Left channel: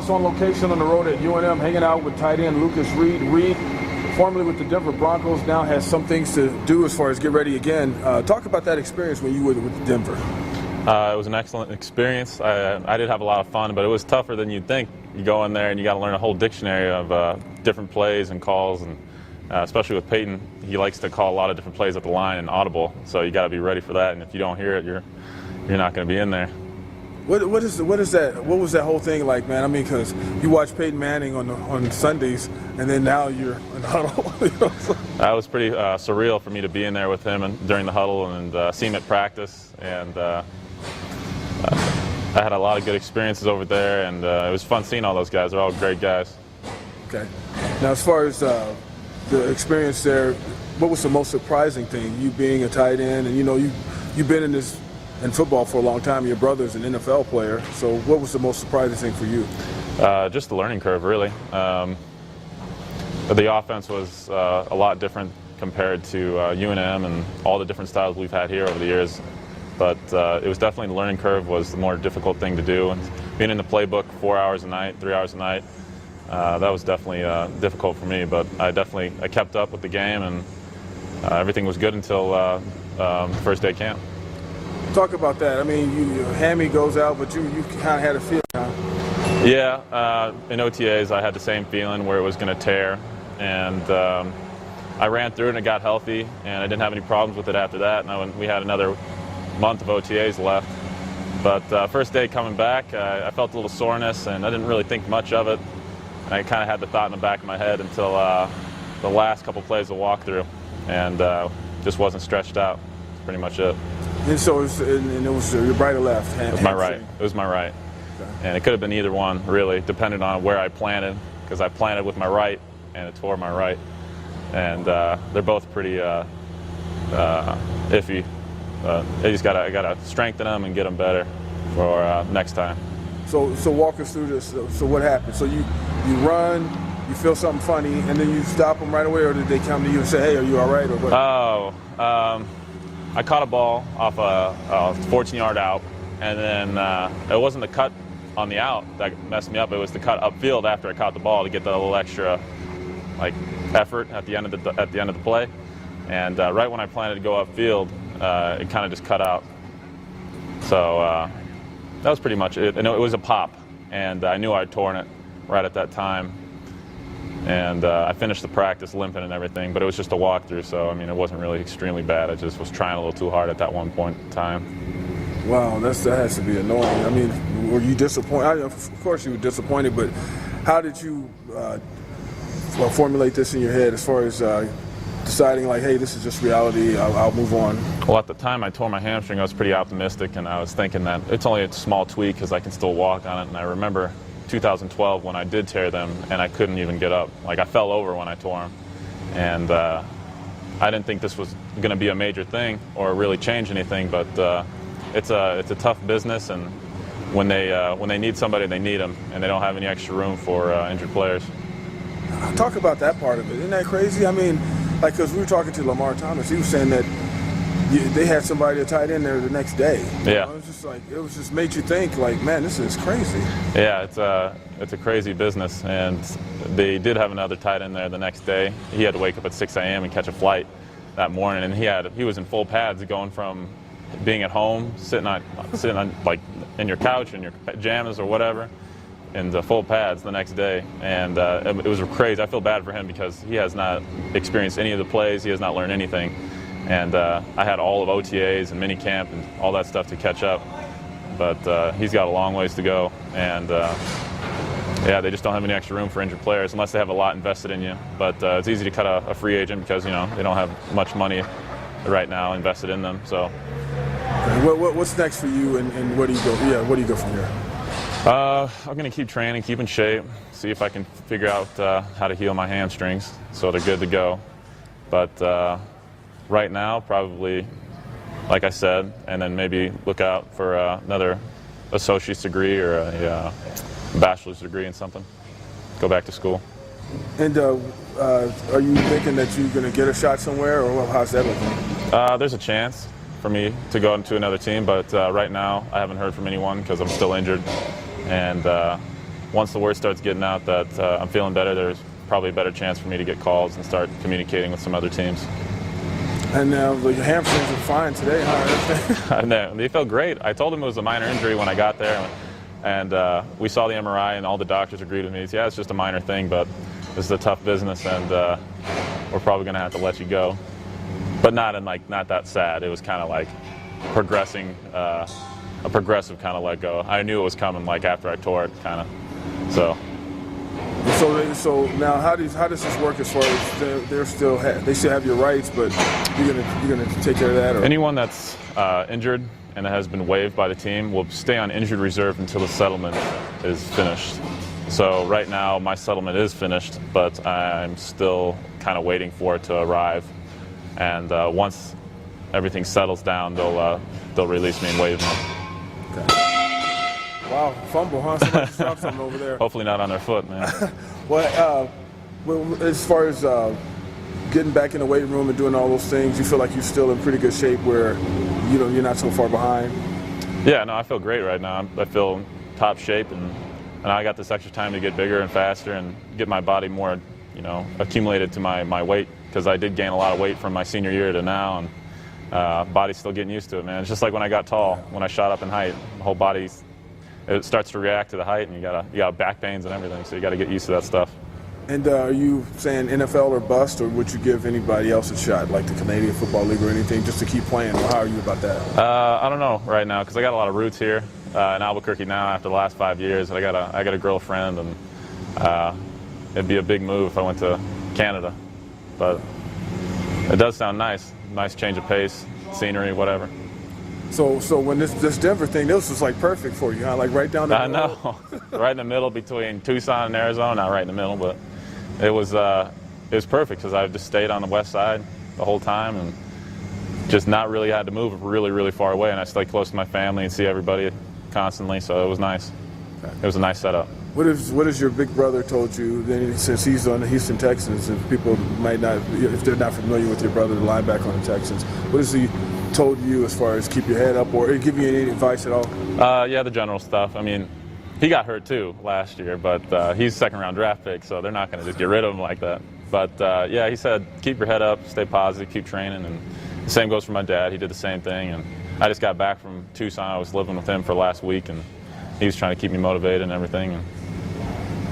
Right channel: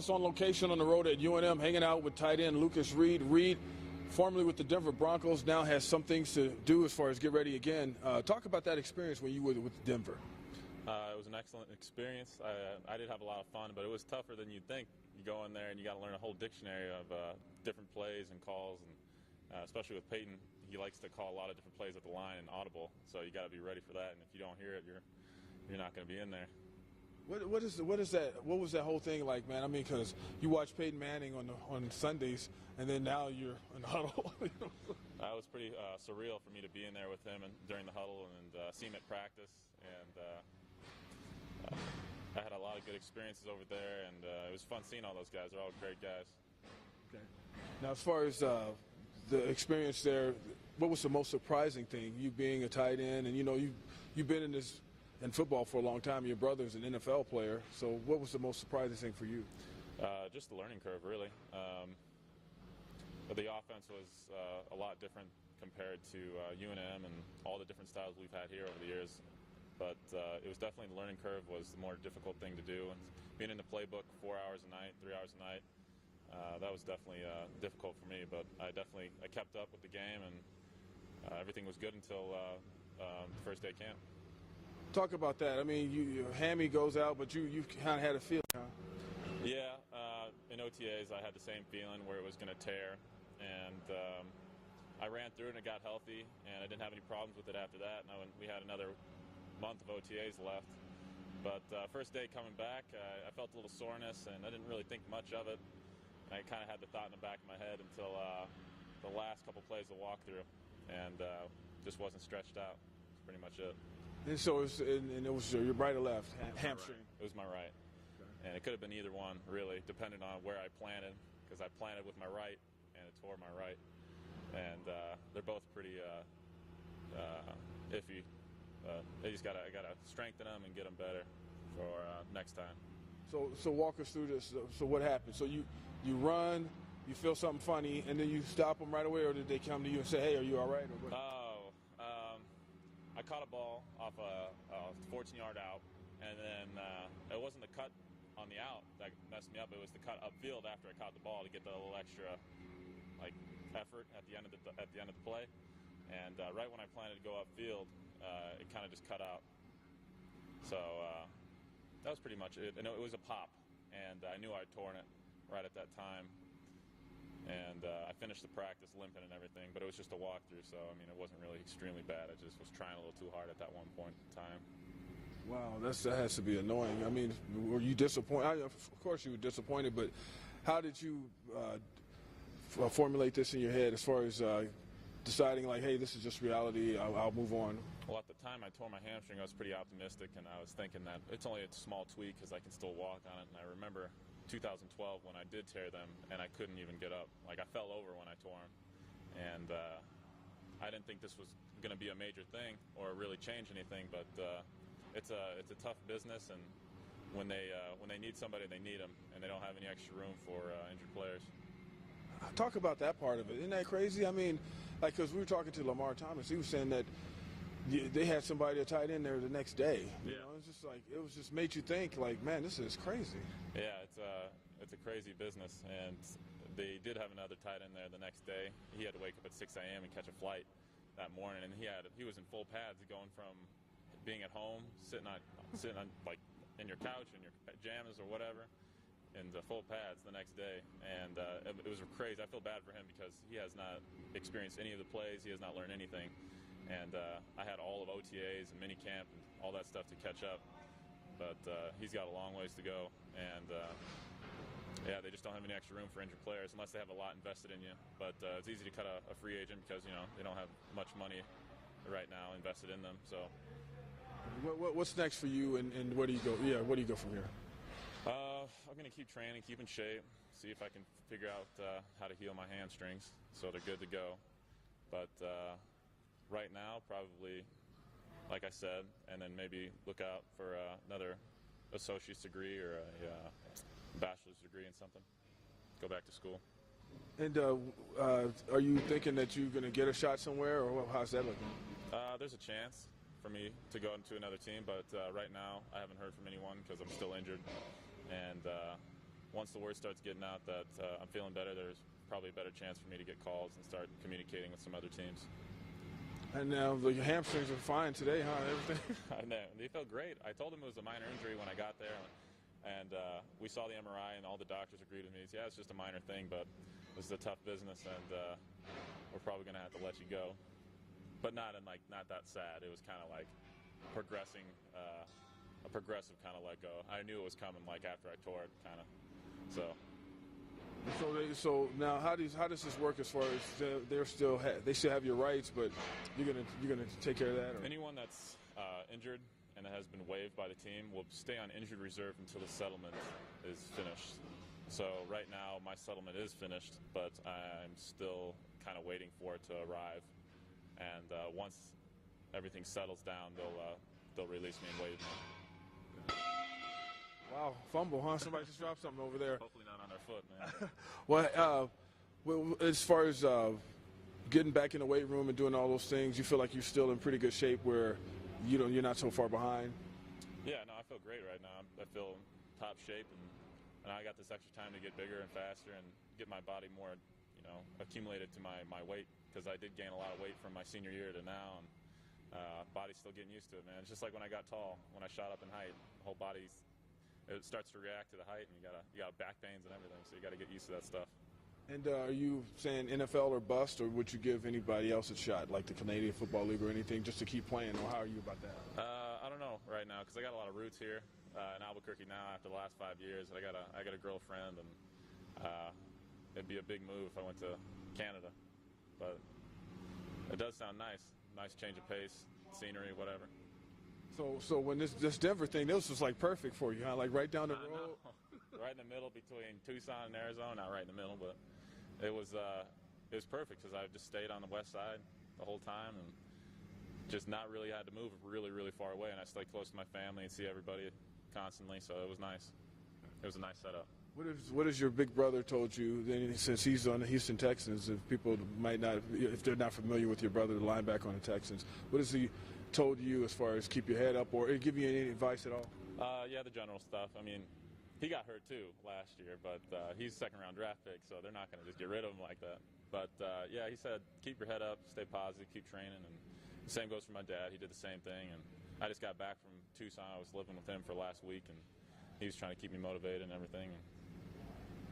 us on location on the road at UNM, hanging out with tight end Lucas Reed. Reed, formerly with the Denver Broncos, now has some things to do as far as get ready again. Talk about that experience when you were with Denver. It was an excellent experience. I did have a lot of fun, but it was tougher than you'd think. You go in there and you got to learn a whole dictionary of different plays and calls, and especially with Peyton, he likes to call a lot of different plays at the line and audible. So you got to be ready for that, and if you don't hear it, you're not going to be in there. What is that? What was that whole thing like, man? I mean, because you watch Peyton Manning on Sundays, and then now you're in the huddle. You know, so. That was pretty surreal for me to be in there with him and during the huddle and see him at practice. And I had a lot of good experiences over there, and it was fun seeing all those guys. They're all great guys. Okay. Now, as far as the experience there, what was the most surprising thing? You being a tight end, and you've been in football for a long time. Your brother's an NFL player. So what was the most surprising thing for you? Just the learning curve, really. The offense was a lot different compared to UNM and all the different styles we've had here over the years. But it was definitely the learning curve was the more difficult thing to do. And being in the playbook 4 hours a night, 3 hours a night, that was definitely difficult for me. But I kept up with the game, and everything was good until the first day of camp. Talk about that. I mean, your hammy goes out, but you kind of had a feeling. Huh? Yeah, in OTAs I had the same feeling where it was going to tear, and I ran through it and it got healthy, and I didn't have any problems with it after that. And we had another month of OTAs left. But first day coming back, I felt a little soreness, and I didn't really think much of it. And I kind of had the thought in the back of my head until the last couple plays of walkthrough, and just wasn't stretched out. That's pretty much it. And so it was your right or left? It was my right. It was my right. Okay. And it could have been either one, really, depending on where I planted, because I planted with my right, and it tore my right. And they're both pretty iffy. I gotta strengthen them and get them better for next time. So walk us through this. So what happened? So you run, you feel something funny, and then you stop them right away, or did they come to you and say, "Hey, are you all right?" Or what? Oh. I caught a ball off a 14-yard out, and then it wasn't the cut on the out that messed me up. It was the cut upfield after I caught the ball to get that little extra, effort at the end of the play. And right when I planned to go upfield, it kind of just cut out. So that was pretty much it. And it was a pop, and I knew I'd torn it right at that time. And I finished the practice limping and everything, but it was just a walkthrough, so I mean, it wasn't really extremely bad. I just was trying a little too hard at that one point in time. Wow, that has to be annoying. I mean, were you disappointed? Of course you were disappointed, but how did you formulate this in your head as far as deciding, like, hey, this is just reality, I'll move on? Well, at the time I tore my hamstring, I was pretty optimistic, and I was thinking that it's only a small tweak because I can still walk on it. And I remember 2012 when I did tear them, and I couldn't even get up. Like, I fell over when I tore them, and I didn't think this was going to be a major thing or really change anything. But it's a tough business, and when they need somebody, they need them, and they don't have any extra room for injured players. Talk about that part of it. Isn't that crazy? I mean, like, because we were talking to Lamar Thomas, he was saying that they had somebody tight in there the next day. Yeah. It was just like, it was just made you think, like, man, this is crazy. Yeah, it's a crazy business, and they did have another tight end there the next day. He had to wake up at 6 a.m. and catch a flight that morning, and he was in full pads, going from being at home, sitting on like in your couch in your pajamas or whatever, into full pads the next day, and it was crazy. I feel bad for him because he has not experienced any of the plays. He has not learned anything. And I had all of OTAs and minicamp and all that stuff to catch up. But he's got a long ways to go. And, yeah, they just don't have any extra room for injured players unless they have a lot invested in you. But it's easy to cut a free agent because, they don't have much money right now invested in them. So. What's next for you, and where do you go? Yeah, where do you go from here? I'm going to keep training, keep in shape, see if I can figure out how to heal my hamstrings so they're good to go. But right now, probably, like I said, and then maybe look out for another associate's degree or a bachelor's degree in something. Go back to school. And are you thinking that you're going to get a shot somewhere, or how's that looking? There's a chance for me to go into another team, but right now I haven't heard from anyone because I'm still injured. And once the word starts getting out that I'm feeling better, there's probably a better chance for me to get calls and start communicating with some other teams. And now your hamstrings are fine today, huh? And they felt great. I told him it was a minor injury when I got there, and we saw the MRI, and all the doctors agreed with me. Yeah, it's just a minor thing, but this is a tough business, and we're probably going to have to let you go. But not that sad. It was kind of like progressing, a progressive kind of let go. I knew it was coming like after I tore it, kind of. So now how does this work as far as they still have your rights, but you're gonna take care of that? Or? Anyone that's injured and that has been waived by the team will stay on injured reserve until the settlement is finished. So right now my settlement is finished, but I'm still kind of waiting for it to arrive. And once everything settles down, they'll release me and waive me. Okay. Wow, fumble, huh? Somebody just dropped something over there. Hopefully not on their foot, man. Well, as far as getting back in the weight room and doing all those things, you feel like you're still in pretty good shape where you're not so far behind? Yeah, no, I feel great right now. I feel in top shape, and I got this extra time to get bigger and faster and get my body more, accumulated to my weight, because I did gain a lot of weight from my senior year to now, and body's still getting used to it, man. It's just like when I got tall, when I shot up in height, the whole body, it starts to react to the height, and you got back pains and everything, so you got to get used to that stuff. And are you saying NFL or bust, or would you give anybody else a shot, like the Canadian Football League or anything, just to keep playing? Or how are you about that? I don't know right now, because I got a lot of roots here in Albuquerque now after the last 5 years. I got a girlfriend, and it'd be a big move if I went to Canada. But it does sound nice. Nice change of pace, scenery, whatever. So when this Denver thing, this was like perfect for you, huh? Like right down the middle. I know, right in the middle between Tucson and Arizona. Not right in the middle, but it was perfect because I just stayed on the west side the whole time and just not really had to move really, really far away. And I stayed close to my family and see everybody constantly, so it was nice. Okay. It was a nice setup. What has your big brother told you, since he's on the Houston Texans, and people might not, if they're not familiar with your brother, the linebacker on the Texans, what has he told you as far as keep your head up, or give you any advice at all? Yeah, the general stuff. I mean, he got hurt too last year, but he's a second-round draft pick, so they're not going to just get rid of him like that. But yeah, he said keep your head up, stay positive, keep training, and the same goes for my dad. He did the same thing, and I just got back from Tucson. I was living with him for last week, and he was trying to keep me motivated and everything. And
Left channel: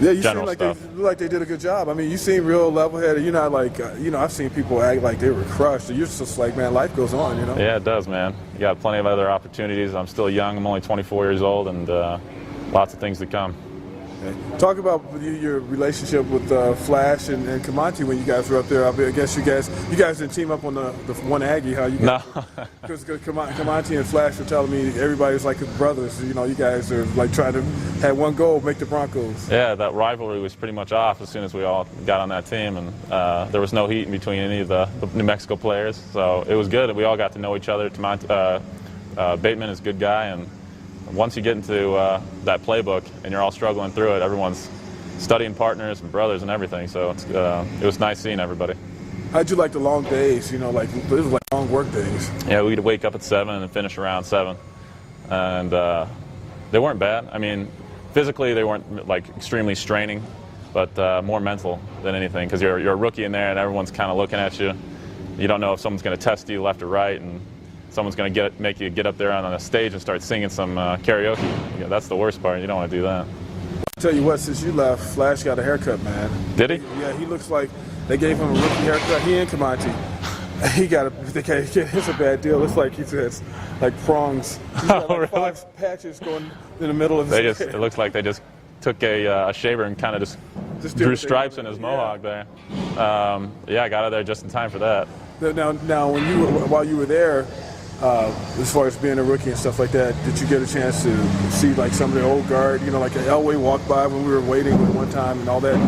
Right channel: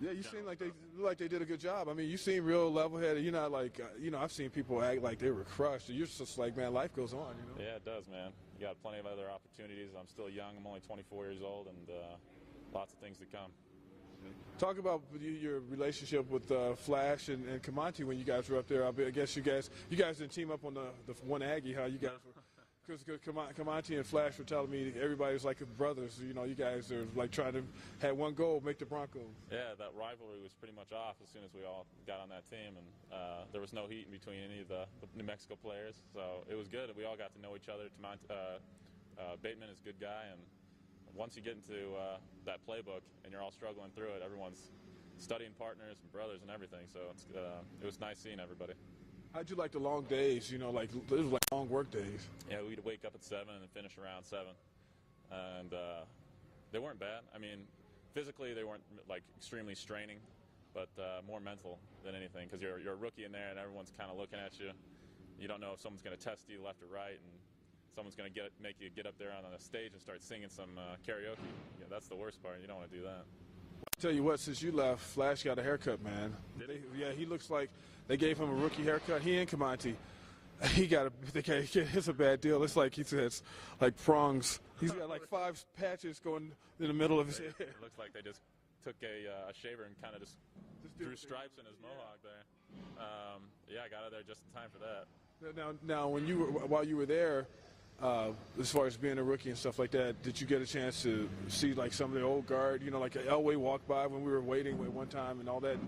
yeah, you seem like they did a good job. I mean, you seem real level-headed. You're not like, I've seen people act like they were crushed. You're just like, man, life goes on, Yeah, it does, man. You got plenty of other opportunities. I'm still young. I'm only 24 years old, and lots of things to come. Okay. Talk about your relationship with Flash and Comanche when you guys were up there. I guess you guys didn't team up on the one Aggie, how you guys? No. Because Comanche and Flash were telling me everybody's like brothers. You guys are like trying to have one goal, make the Broncos. Yeah, that rivalry was pretty much off as soon as we all got on that team, and there was no heat in between any of the New Mexico players. So it was good. We all got to know each other. Bateman is a good guy, and once you get into that playbook and you're all struggling through it, everyone's studying partners and brothers and everything. So it was nice seeing everybody. How'd you like the long days? Like this was like long work days. Yeah, we'd wake up at 7 and finish around 7, and they weren't bad. I mean, physically they weren't like extremely straining, but more mental than anything, because you're a rookie in there and everyone's kind of looking at you. You don't know if someone's going to test you left or right, and someone's going to make you get up there on a stage and start singing some karaoke. Yeah, that's the worst part. You don't want to do that. I'll tell you what, since you left, Flash got a haircut, man. Did he? Yeah, he looks like they gave him a rookie haircut. He and Comanche. It's a bad deal. It's like he has like prongs. He's got like 5 patches going in the middle of his head. It looks like they just took a shaver and kind of just drew stripes in his mohawk there. Yeah, I got out of there just in time for that. Now, while you were there, as far as being a rookie and stuff like that, did you get a chance to see like some of the old guard? Like Elway walked by when we were waiting at one time and all that.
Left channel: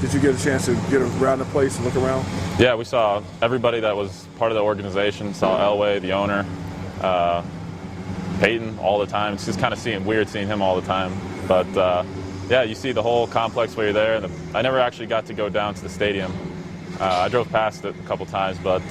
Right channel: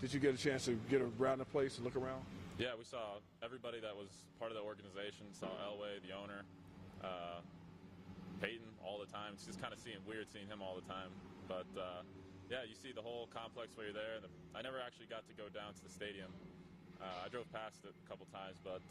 Did you get a chance to get around the place and look around? Yeah, we saw everybody that was part of the organization. Saw Elway, the owner, Peyton all the time. It's just kind of weird seeing him all the time. But yeah, you see the whole complex while you're there. I never actually got to go down to the stadium. I drove past it a couple times, but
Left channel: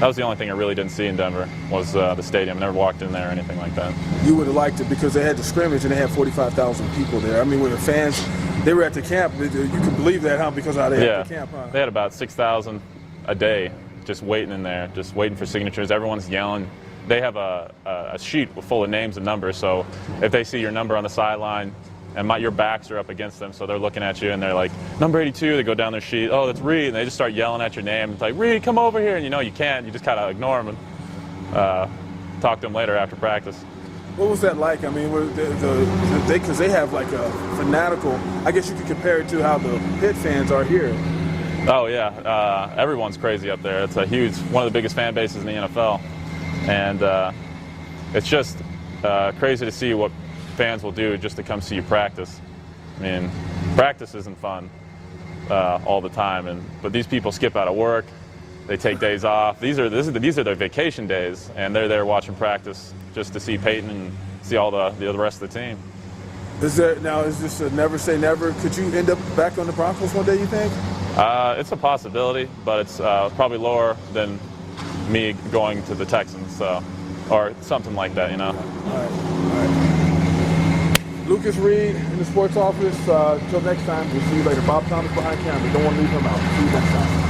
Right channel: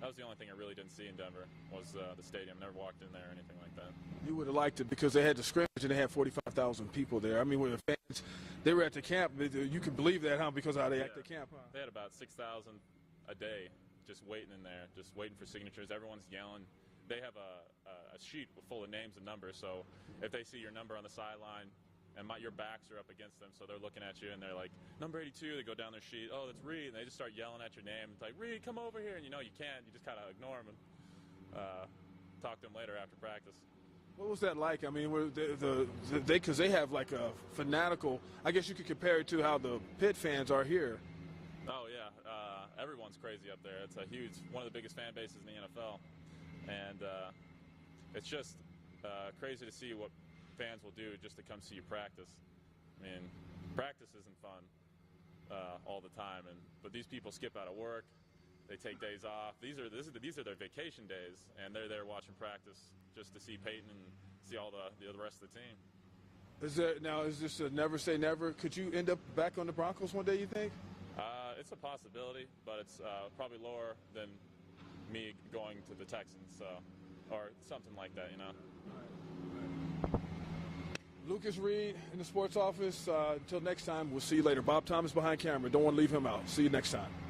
That was the only thing I really didn't see in Denver was the stadium. Never walked in there or anything like that. You would have liked it because they had the scrimmage and they had 45,000 people there. I mean, when the fans, they were at the camp. You can believe that, huh? Because how they had the camp, huh? They had about 6,000 a day just waiting in there, just waiting for signatures. Everyone's yelling. They have a sheet full of names and numbers, so if they see your number on the sideline and your backs are up against them, so they're looking at you and they're like, number 82, they go down their sheet, oh, that's Reed, and they just start yelling at your name. It's like, Reed, come over here, and you can't. You just kind of ignore them and talk to them later after practice. What was that like? I mean, because they have like a fanatical, I guess you could compare it to how the Pitt fans are here. Oh, yeah. Everyone's crazy up there. It's one of the biggest fan bases in the NFL. And it's just crazy to see what fans will do just to come see you practice. I mean, practice isn't fun all the time, but these people skip out of work. They take days off. These are their vacation days, and they're there watching practice just to see Peyton and see all the rest of the team. Is this a never say never? Could you end up back on the Broncos one day, you think? It's a possibility, but it's probably lower than me going to the Texans, or something like that, All right. Lucas Reed in the sports office. Until next time, we'll see you later. Bob Thomas behind camera. Don't want to leave him out. See you next time.